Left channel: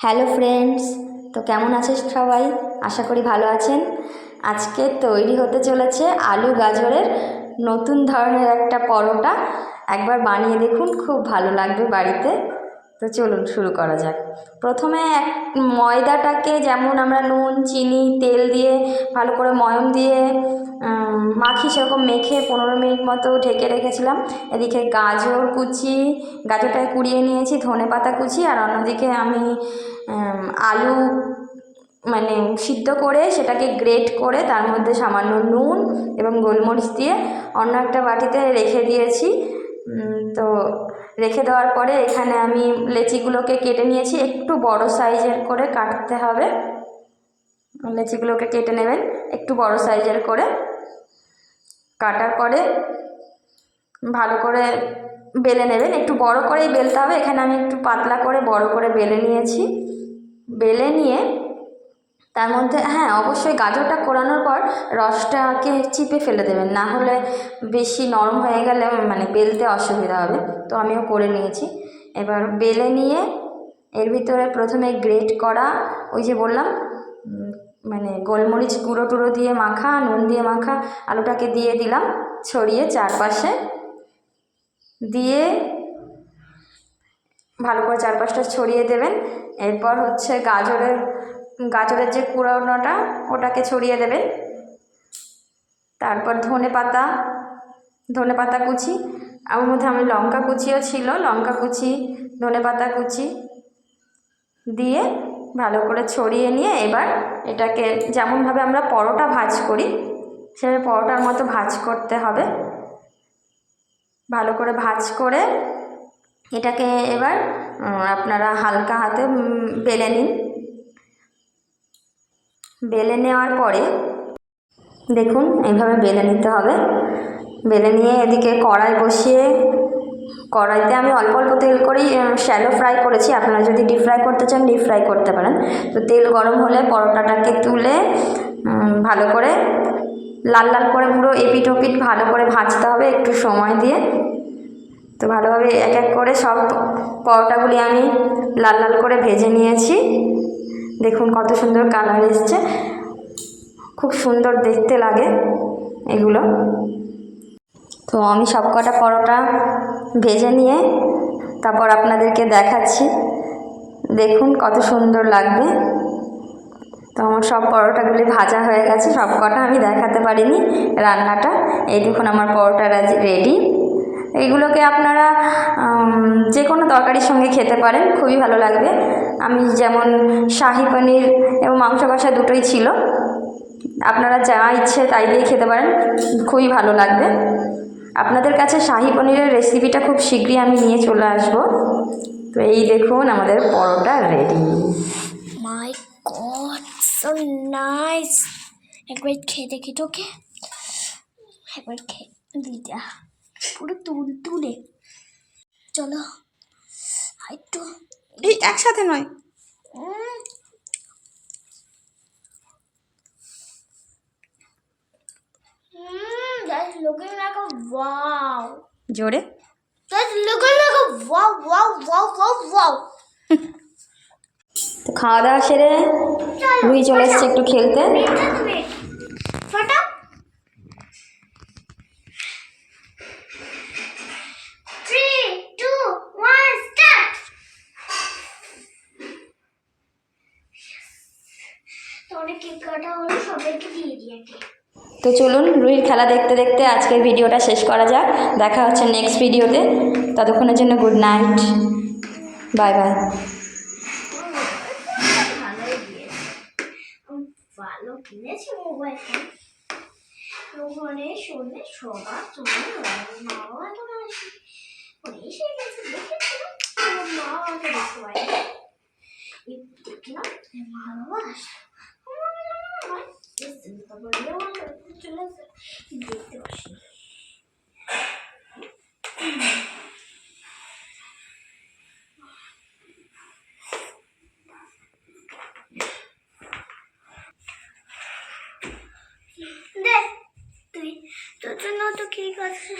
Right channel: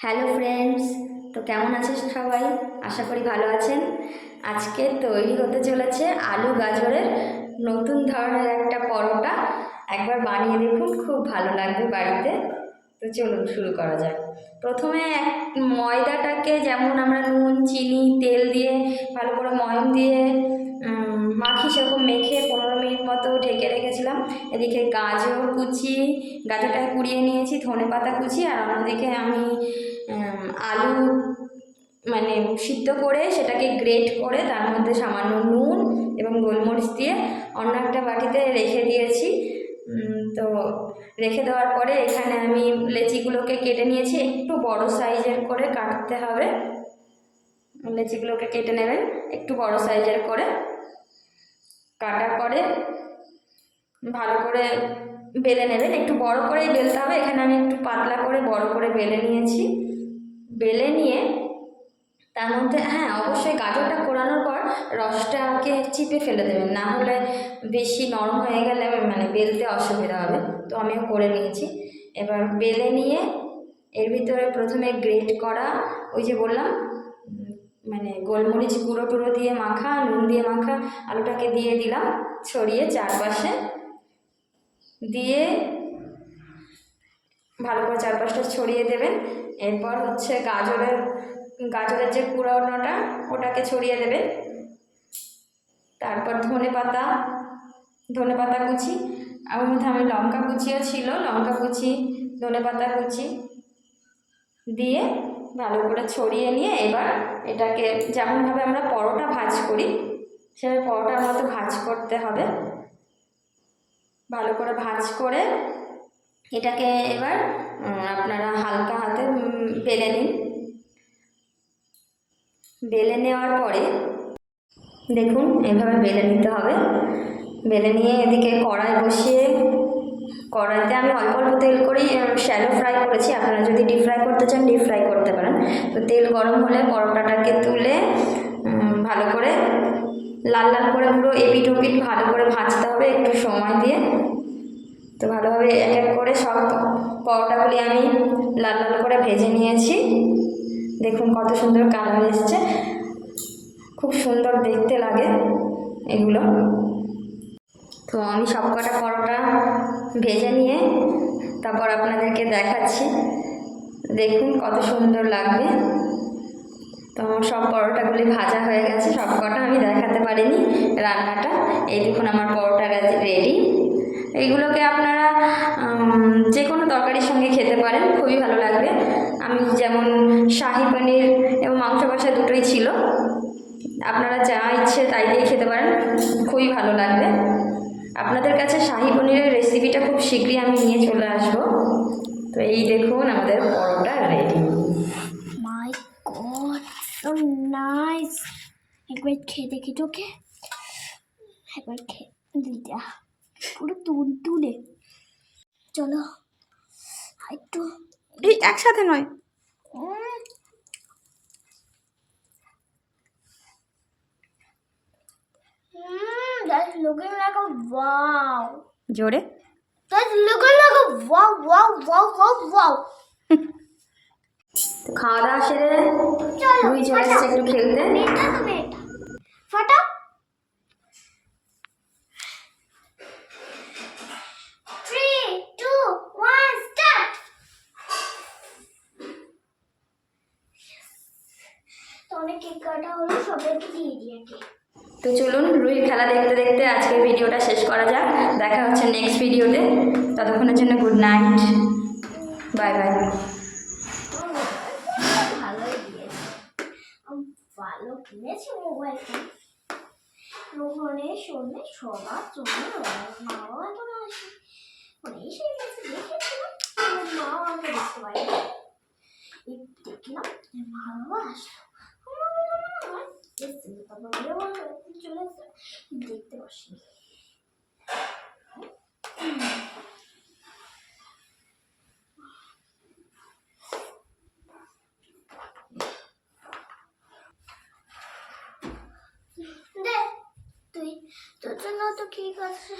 Hello friends, তো কেমন আছিস সবাই? আশা করি ভালো আছেন। আজকে তৈরি হতে চলেছে আলু গাজরের নতুন ধরনের একটা পরোটা। একবার বানিয়ে দেখুন, খুব ভালো লাগবে বাড়িতে। তো চলুন শুরু করা যাক। প্রথমে এক ময়দাটাকে যেমন আমরা নুন, চিনি, তেল দিয়ে ভালো করে ময়ম দিয়ে মাখি সেরকম মেখে পনেরো মিনিট মতো ঢেকে রেখেছিলাম। এদিকে গাজর কুচি, গাজরটাকে কুড়িয়ে নিয়েছি, ধনে পাতা কুচি, আর অন্যদিকে আমি আলু মানে সিদ্ধ করে সেটাকে গ্রেট করে তার মধ্যে সামান্য নুন এবং গোলমরিচ দিয়ে অন্য একটা বাটিতে রেখে দিয়েছি। তো রেখে দেওয়ার পরে এখানে আমি লেচিগুলোকে কেটে নিয়েছি, একটু বড় সাইজের করে কাটতে হবে। লেচিগুলোকে কেটে নেবেন, একটু বড় সাইজের করে। কাটার পরে ভালো করে বেলে নেবেন, একটু বড় করেই বেলতে হবে। এখানে আমি একটু পাতলা করে বড় করে বেলে নিয়েছি। বেলে নিয়ে তার মধ্যে হ্যাঁ অবশ্যই গাজরটা কোরানোর পর রসটাকে চিপে ফেলে দেবেন। না হলে বেশি নরম হয়ে গেলে মানে বেলতে অসুবিধা হবে। তো আমিও করে নিয়েছি। এবার বেলে নিয়ে এর ভিতরে প্রথমে গ্রেট করা ওই যে বললাম মানে গোলমরিচ গুঁড়ো টুড়ো দিয়ে মাখা, নুন দিয়ে মাখা, আলুটাকে দিয়ে দিলাম ছড়িয়ে চারপাশে। দিয়ে ভালো করে চারপাশটা ছড়িয়ে দেবেন। এরপর হচ্ছে গাজরের গাজরের যে কুড়ানোটা, ওটাকে ছড়িয়ে দেবেন তারপর ধনে পাতা ধনে পাতা কুচি আর ওর মধ্যে আমি লঙ্কা কুচিও ছিল, লঙ্কা কুচি, ধনে পাতা কুচি দিয়ে ভালো করে ছড়িয়ে নিয়ে এবার এটাকে যেমনভাবে আমরা পরোটা ভাজ করি, সেভাবে পরোটার মতো ভাজ করতে হবে। ভালো করে ভাজ করে এটাকে এবার আপনারা হালকা হাতে বেলে নিন। বেলে নেওয়ার পরে দেখুন এইভাবে বেলে নিতে হবে। বেলে নিয়ে এদিকে কড়াই বসিয়ে, কড়াইতে আমি অল্প অল্প তেল করেই শ্যালো ফ্রাই করেছি। আপনারা যদি ডিপ ফ্রাই করতে চান ডিপ ফ্রাই করতে পারেন। তো তেল গরম হলে পরোটাটাকে তুলে ভালো করে লাল লাল করে পুরো এপিট ওপিট ভালো করে ভাজতে হবে একটু সময় দিয়ে। তো ভালোভাবে এক এক করে সব পরোটাগুলি আমি লাল লাল করে ভেজে নিয়েছি। দেখুন কত সুন্দর কালার এসছে। খুব সুন্দর দেখতে লাগে এগুলো। তো আমি সব কটা পরোটা ভেজে নিয়ে তারপর আপনাদেরকে দেখাচ্ছি। দেখুন কত সুন্দর লাগবে। তো আমার সব পরোটাগুলি ভাজা হয়ে গেছে সব কটা আমি দেখাতে পারিনি রান্নাটা। এই দেখুন আমার পরোটা রেডি এইগুলোকে আপনারা যে কোনো তরকারির সঙ্গে খেতে পারেন খুবই ভালো লাগবে। আমি যেমন শাহি পনির এবং মাংস কষা দুটোই ছিল। আপনারা যা ইচ্ছে তাই দিয়ে খেতে পারেন খুবই ভালো লাগবে। আপনাদের কাছে শাহি পনিরের রেসিপিটা খুব শীঘ্রই আমি নিয়ে চলে আসব। তো এই দেখুন আমাদের paratha ready my God, so nice. একবার খেয়ে দেখি তোকে। একবার খেয়ে দিদা পুরো তুল তুলে। চলো একটু এই একসাথে নয়। খাওয়া দাওয়া সেরে চলে এসছে একটু খেলতে। ফটা। অনেক কেক কাটা হলো সবাইকে দিয়ে দিয়ে কেক তো চলুন রুহির খেলা দেখতে দেখতে আজকের ভিডিওটা শেষ করা যাক। দেখা হচ্ছে নেক্সট ভিডিওতে। ততক্ষণের জন্য গুড নাইট বাই বাই ভালোই দিয়েছে আমি ভালো কিনেছি মোবাইল ফোন ওখানে শোনে সবার জন্য মা বাবা তো না আসে এসে গেছে দেখেছিলাম মা আমাকে দেখতে দেখলাম এই মা বাবা আসলো আমার মনে চলে আসে দেখতে পাসনি দে তুই তোর জন্য তো ঠিক আছে